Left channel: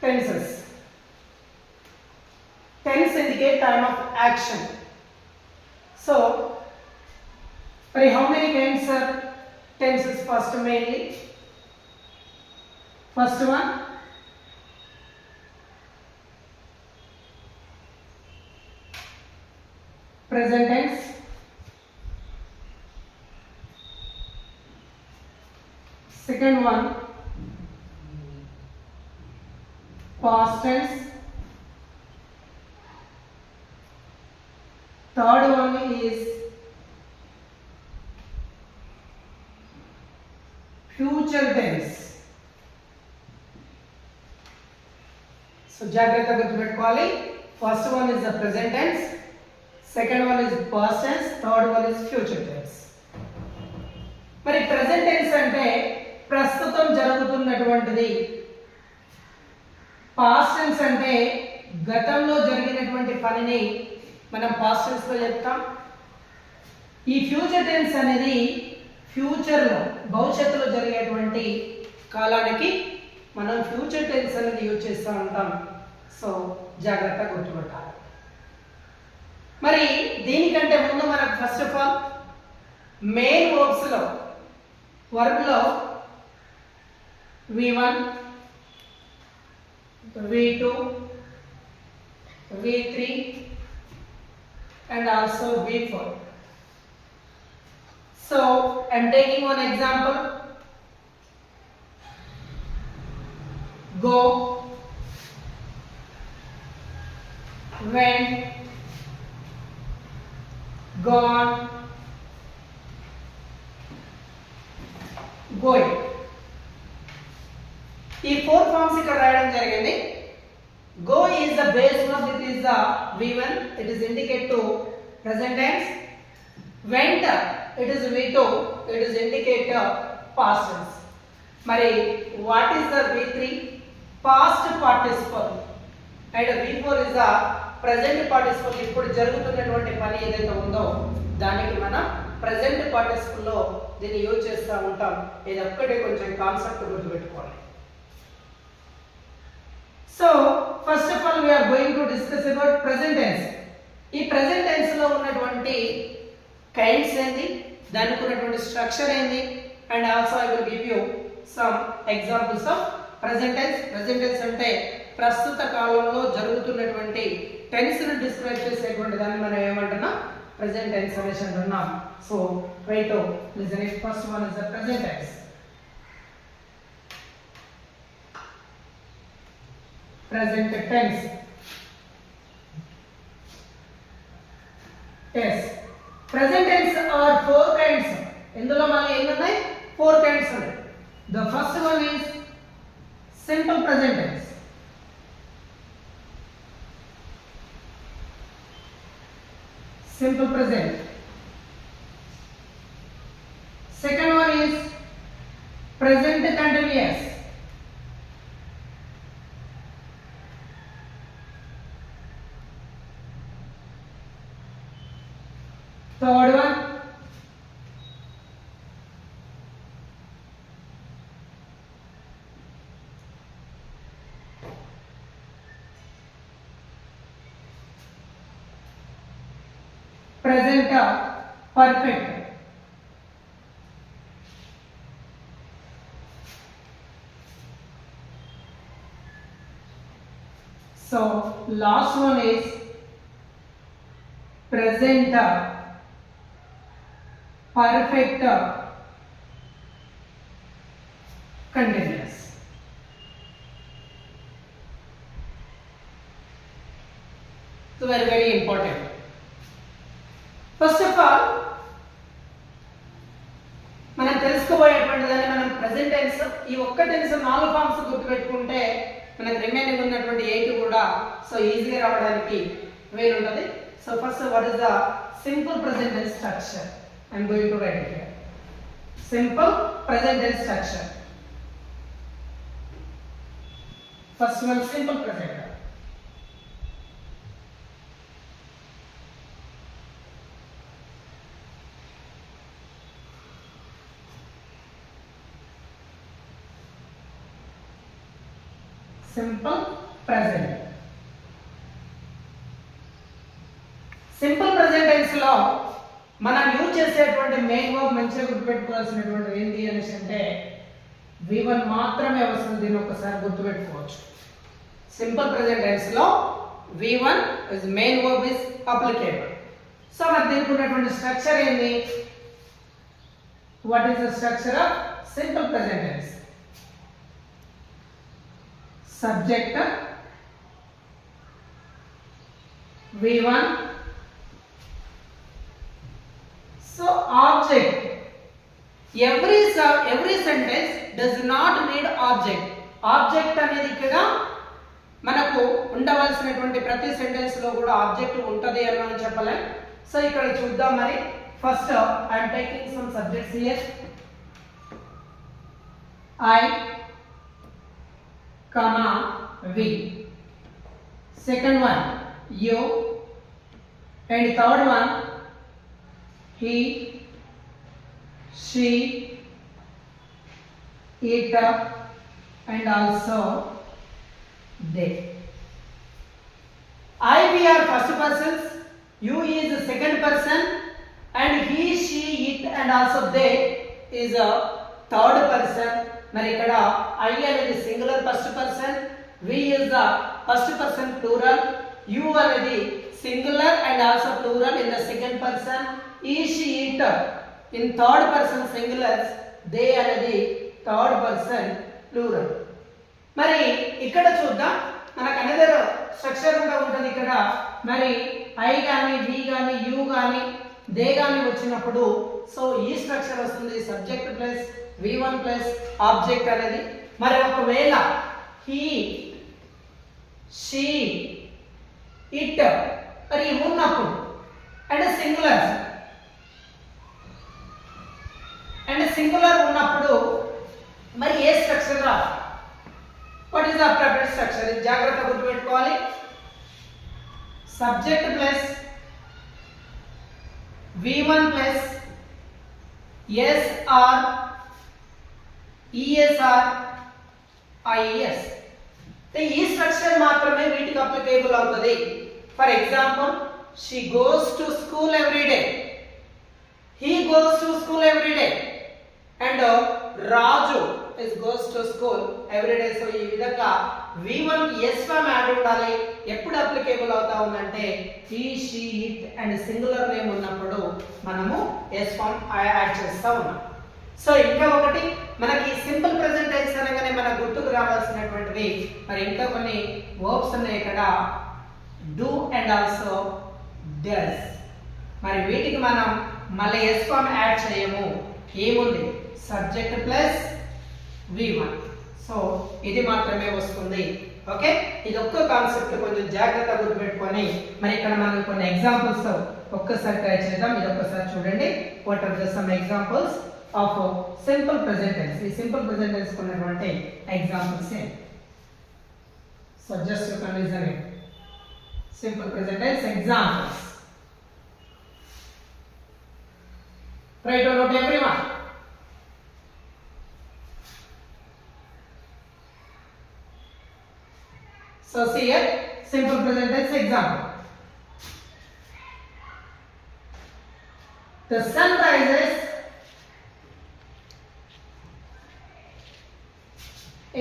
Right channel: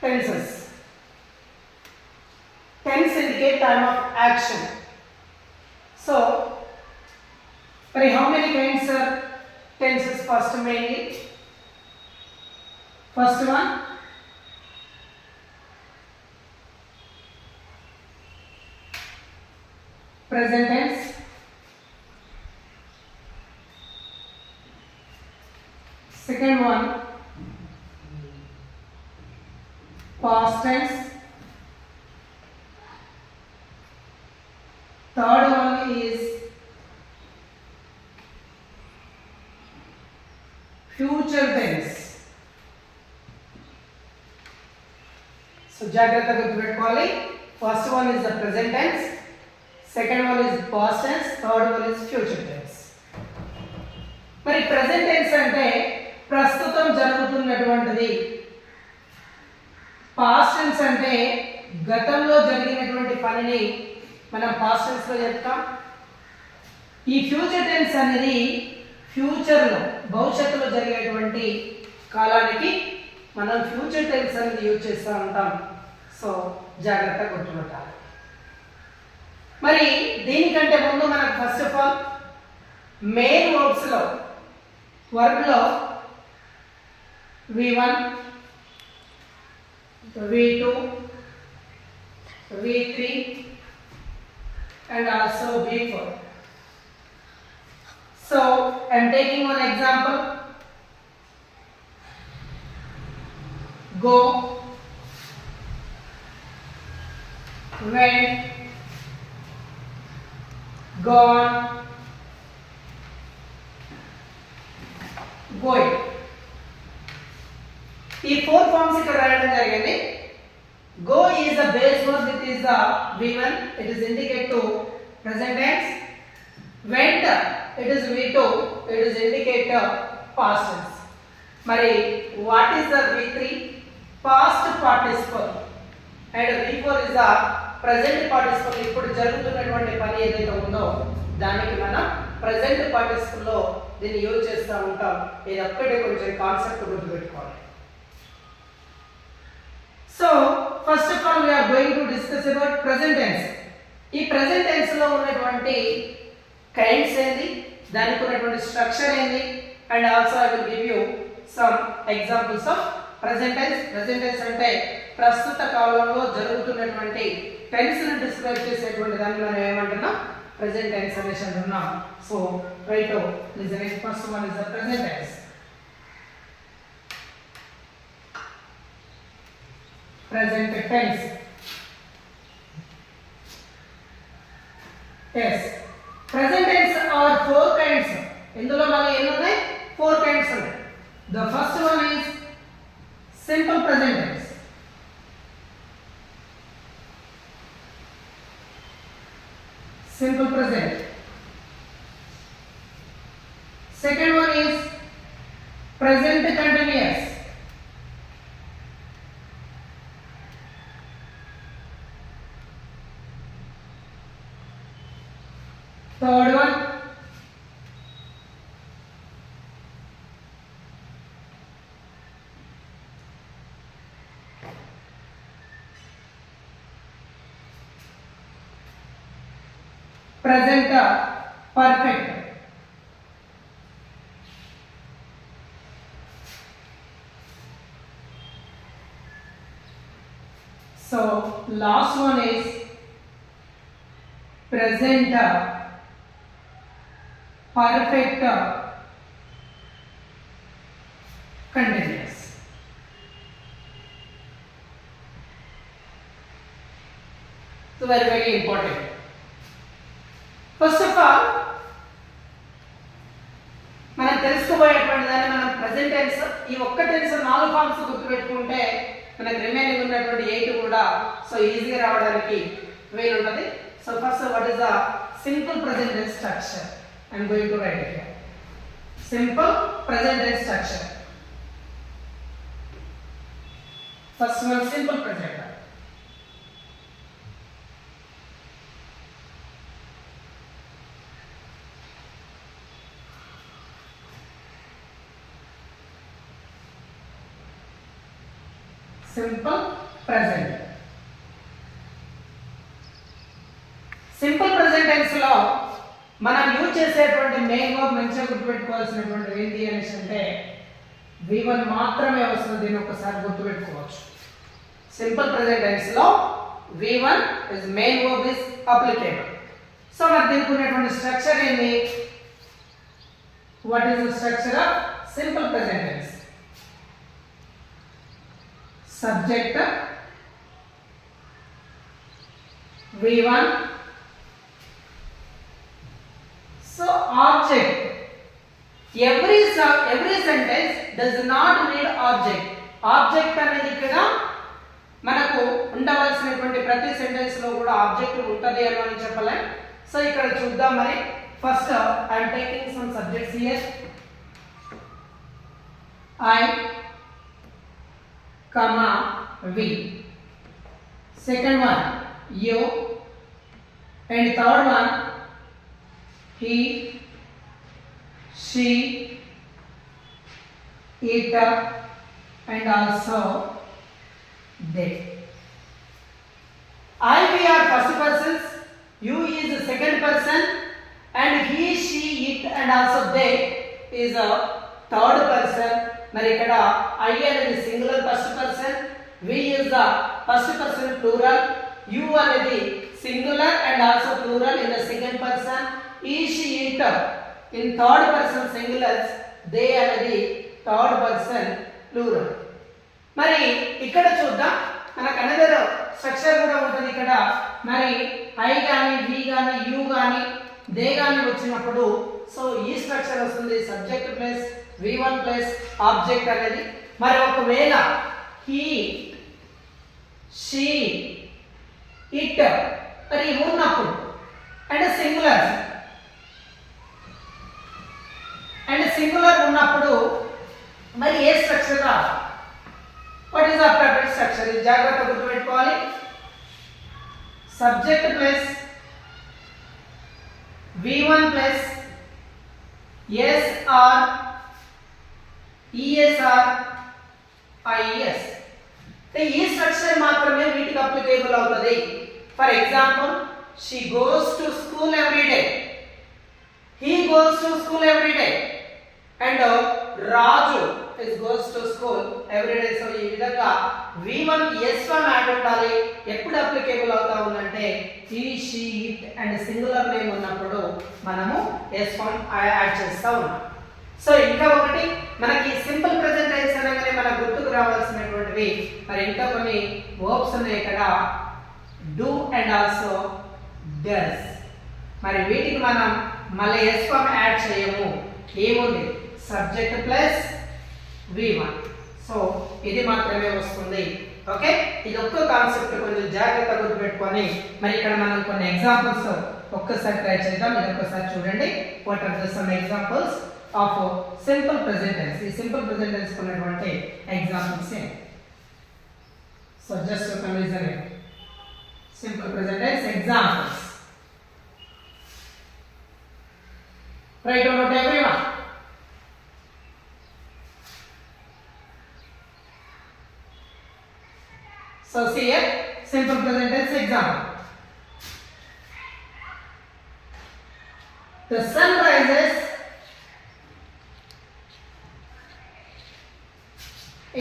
tenses. Tense indicate time of action. So, how many kinds are tenses? First mainly, first one, present tense. Second one, past tense. Third one is future tense. So జాగ్రత్తగా గుర్తుపెట్టుకోవాలి. First one is the present tense, second one is past tense, third one is future tense. మరి present tense అంటే ప్రస్తుతం జరుగుతున్నటువంటిది. past tense అంటే గతంలో జరిగినటువంటి పనిని మనం past tense లో చెప్తాం. ఈ ఫ్యూచర్ టెన్స్ అనేది ఫ్యూచర్ లో భవిష్యత్తులో జరిగేటువంటి కాలానికి మనం ఫ్యూచర్ టెన్స్ అనేది యూజ్ చేస్తూ ఉంటాం. సో జాగ్రత్తగా గుర్తుపెట్టాలి. మరి దీనికంటే ముందు మనకు first of all main verbs లో వర్బ్ లో V1, V2, V3 and also V4. So I am taking one example. Go, went, gone, going. ఈ ఫోర్ ఫార్మ్స్ ఇక్కడ రాయడం జరిగింది. Go is the base verb, it is the V1, it is indicate to present tense. Went, it is V2, it is indicate past tense. మరి what is the V3? Past participle. And V4 is the present participle. ఇప్పుడు జరుగుతున్నటువంటి పని ఏదైతే ఉందో దానికి మనం present participle లో దీన్ని యూజ్ చేస్తూ ఉంటాం. ఇది ఒక్కటే కొంచెం కాన్సెప్ట్ గుర్తుపెట్టుకోవాలి. So first of all we are going to discuss about present tense. ఈ present tense లో ఉన్నటువంటి kinds ఏంది, దానికి ఉన్నటువంటి స్ట్రక్చర్ ఏంది, and also I will give you some examples of present tense. Present tense అంటే ప్రస్తుత కాలంలో జరుగుతున్నటువంటి టెన్స్ ని డిస్క్రైబ్ చేసేటువంటి దాన్ని మనం ఏమంటున్నాం, present tense అనేసి అంటున్నాం. So right listen it. First one is the present tense. Present tense. Yes. Present tense are four kinds. ఇందులో మనకి ఎన్ని ఉన్నాయి? Four kinds ఉన్నాయి. The first one is simple present tense. Simple present. Second one is present continuous. Third one, present perfect. So last one is present perfect continuous. So very important. First of all మనం తెలుసుకోబోయేటువంటి దాన్ని మనం present tense, ఈ ఒక్క టెన్స్ 4 ఫార్మ్స్ గుర్తుపెట్టుకుంటే మనకి రిమైనింగ్ ఉన్నటువంటి 8 కూడా సో ఈజీగా రావడానికి వీలు ఉంటుంది. So first what is the simple present tense structure? I am going to write it here. Simple present tense structure. First one, simple present. Simple present. Simple present tense లో మనం యూజ్ చేసేటువంటి మెయిన్ వర్బ్ మంచిగా గుర్తుపెట్టుకోవాల్సినటువంటి ఏంటి అనేసి అంటే V1 మాత్రమే వస్తుంది. దీన్ని ఒకసారి గుర్తుపెట్టుకోవచ్చు. సింపుల్ ప్రెజెంట్ టెన్స్ లో V1 is main verb is applicable. So మరి దీనికి ఉన్నటువంటి స్ట్రక్చర్ ఏంటి? What is the structure of simple present tense? Subject V1. So object. Every sentence does not need object. Object అనేది ఇక్కడ మనకు ఉండవలసినటువంటి ప్రతి సెంటెన్స్ లో కూడా ఆబ్జెక్ట్ ఉంటది అని మనం చెప్పలేం. సో ఇక్కడ చూద్దాం మరి. First I am taking some subjects here. I, we. Second one you, and third one he, she, it, and also they. I, we are first persons, you is the second person, and he, she, it, and also they is a third person. మరి ఇక్కడ I అనేది singular first person, we is the first person plural, you అనేది singular and also plural in the second person, he, she, it in third person singulars, they అనేది third person plural. మరి ఇక్కడ చూద్దాం మనకు another structure కూడా ఉంటుంది ఇక్కడ. మరి I గాని we గాని you గాని they గాని వచ్చినప్పుడు సో ఈ స్ట్రక్చర్ వస్తుంది. Subject plus V1 plus object అనేది. మరి ఒకవేళ he, she, it మరి ఉన్నప్పుడు అండ్ సింగులర్ ఉన్నప్పుడు మరి ఏ స్ట్రక్చర్ రా? What is the appropriate structure? ఇది జాగ్రత్తగా గుర్తుపెట్టుకోవాలి. Subject plus V1 plus SR ESR IES. ఈ స్ట్రక్చర్ మాత్రమే వీటికి అప్లికేబుల్ అవుతుంది. For example she goes to school every day, he goes to school every day, and Raju goes to school every day. So ఈ విధంగా V1 S form add ఉండాలి. ఎప్పుడు అప్లికేబుల్ అవుతా ఉందంటే he, she, it and singular name ఉన్నప్పుడు మనము S form add చేస్తా ఉన్నాం. సో ఇంకా ఒకటి మనకి సింపుల్ ప్రెజెంట్ టెన్స్ అనగానే మనకు గుర్తుకు రావాల్సినటువంటివి మరి ఇంకా కొన్ని వర్బ్స్ ఉన్నాయి ఇక్కడ. do and also does. మరి వీటికి మనం మళ్ళీ S ఫామ్ యాడ్ చేయము. ఏముంది? Subject plus V1. సో ఇది మాత్రమే వస్తుంది. ఓకే, ఇది ఒక్క కాన్సెప్ట్ కొంచెం జాగ్రత్తగా గుర్తుపెట్టుకొని మరి ఇక్కడ మనం కొన్ని ఎగ్జాంపుల్స్ ఒక్కసారి ట్రై చేద్దాం. ఇది ఒక్కసారి చూడండి. What are the some examples of simple present tense? ఈ సింపుల్ ప్రెజెంట్ టెన్స్ ఉన్నటువంటి ఎగ్జాంపుల్స్ ఏంటి? So just you can listen it. Simple present tense examples. Write about everyone. So see here, simple present tense example. The sun rises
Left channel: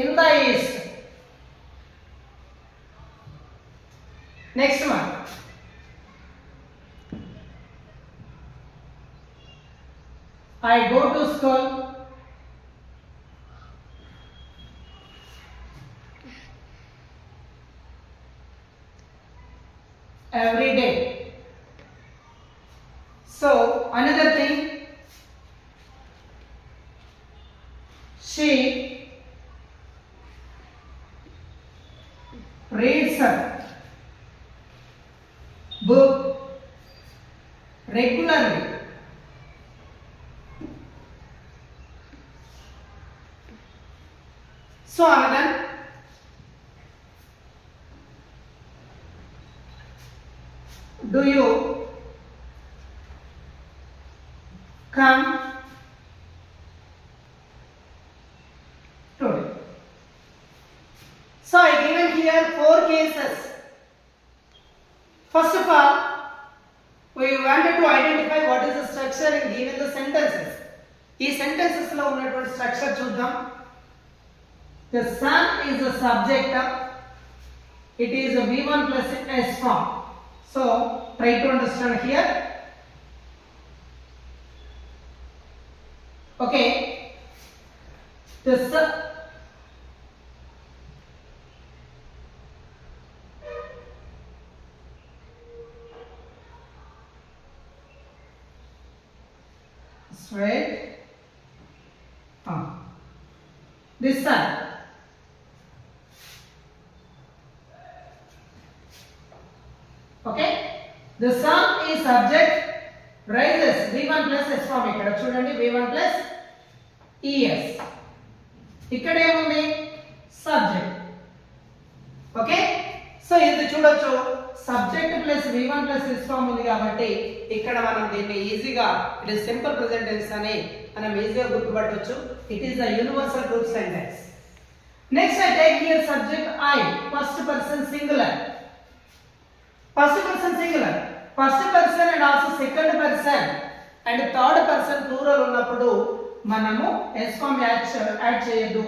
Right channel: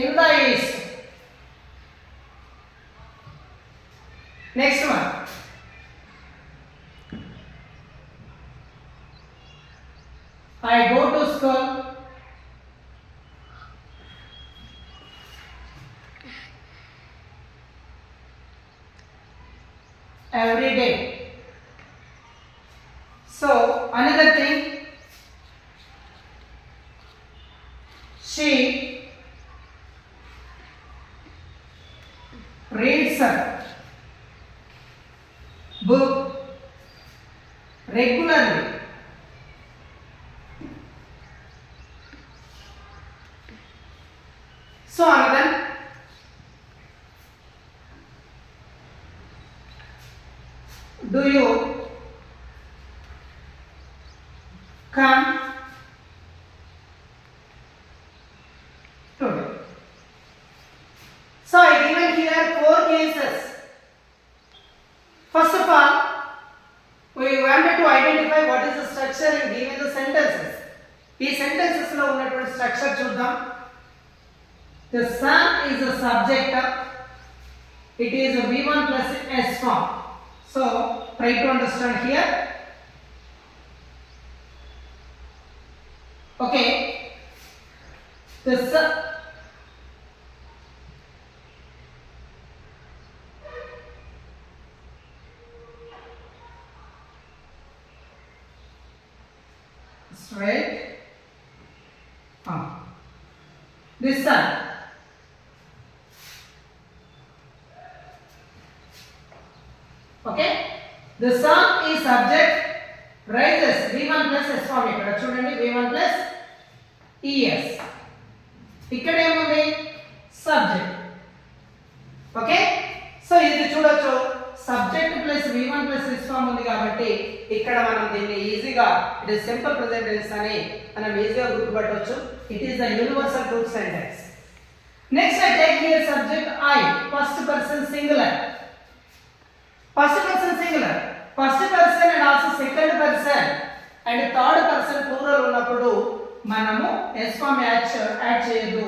in the east. Next one. I go to school every day. So another thing, she reads a book regularly. So another, do you come today? So I give 4 cases. First of all, we wanted to identify what is the structure and given the sentences. ఈ sentences లో ఉన్నటువంటి structure చూద్దాం. The sun is the subject. It is a V1 plus S form. So try to understand here. Okay. The sun. Straight. This sun. Okay. The sun is subject. Rises V1 plus S form. ఇక్కడ చూడండి V1 plus ES. ఇక్కడ ఏముంది subject. Okay, so ఇది చూడొచ్చు subject plus V1 plus S form ఉంది కాబట్టి ఇక్కడ మనం దీన్ని ఈజీగా it is simple present tense అని మనం ఈజీగా గుర్తుపట్టవచ్చు. It is the universal truth sentence. Next I take here subject I, first person singular. First person singular, first person and also second person and third person plural ఉన్నప్పుడు మనము S form add చేయొద్దు.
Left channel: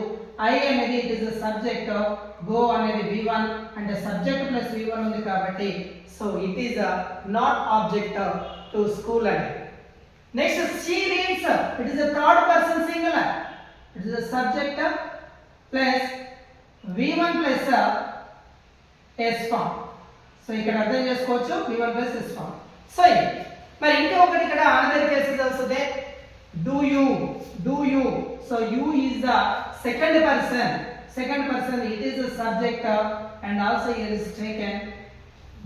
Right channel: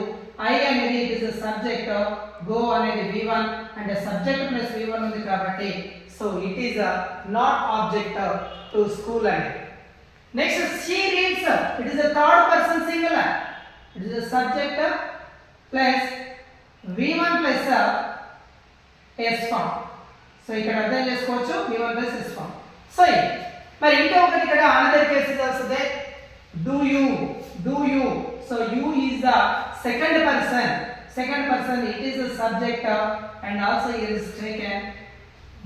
I అనేది it is the subject, go అనేది V1 and subject plus V1 ఉంది కాబట్టి so it is not object to school అనేది. Next she reads, it is the third person singular, it is the subject plus V1 plus S form. So ఇక్కడ అర్థం చేసుకోవచ్చు V1 plus S form. So మరి ఇంకొకటి ఇక్కడ another cases వస్తుంది. do you, so you is the second person, it is the subject and also it is taken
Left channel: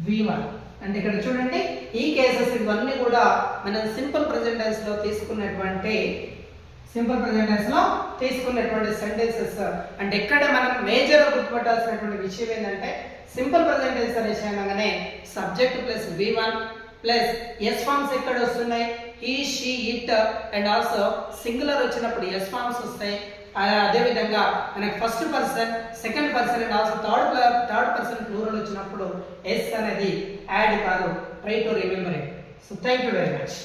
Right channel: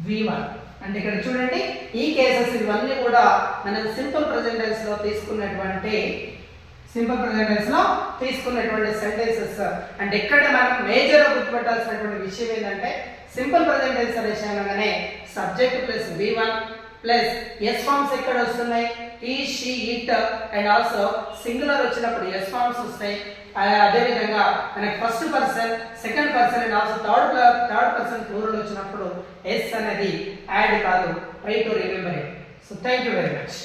V1. And ఇక్కడ చూడండి ఈ కేసెస్ ఇవన్నీ కూడా మనం సింపుల్ ప్రెజెంట్ టెన్స్ లో తీసుకున్నటువంటి సెంటెన్సెస్. అండ్ ఇక్కడ మనం మేజర్ గుర్తుపట్టాల్సినటువంటి విషయం ఏంటంటే సింపుల్ ప్రెజెంట్ టెన్స్ అనే విషయంగానే subject plus V1 plus S forms ఎక్కడ వస్తున్నాయి, he, she, it and also singular వచ్చినప్పుడు S ఫార్మ్స్ వస్తాయి. అదే విధంగా మనకి first person, second person and also third person plural వచ్చినప్పుడు S అనేది యాడ్ కాదు. Try to remember it. So thank you very much.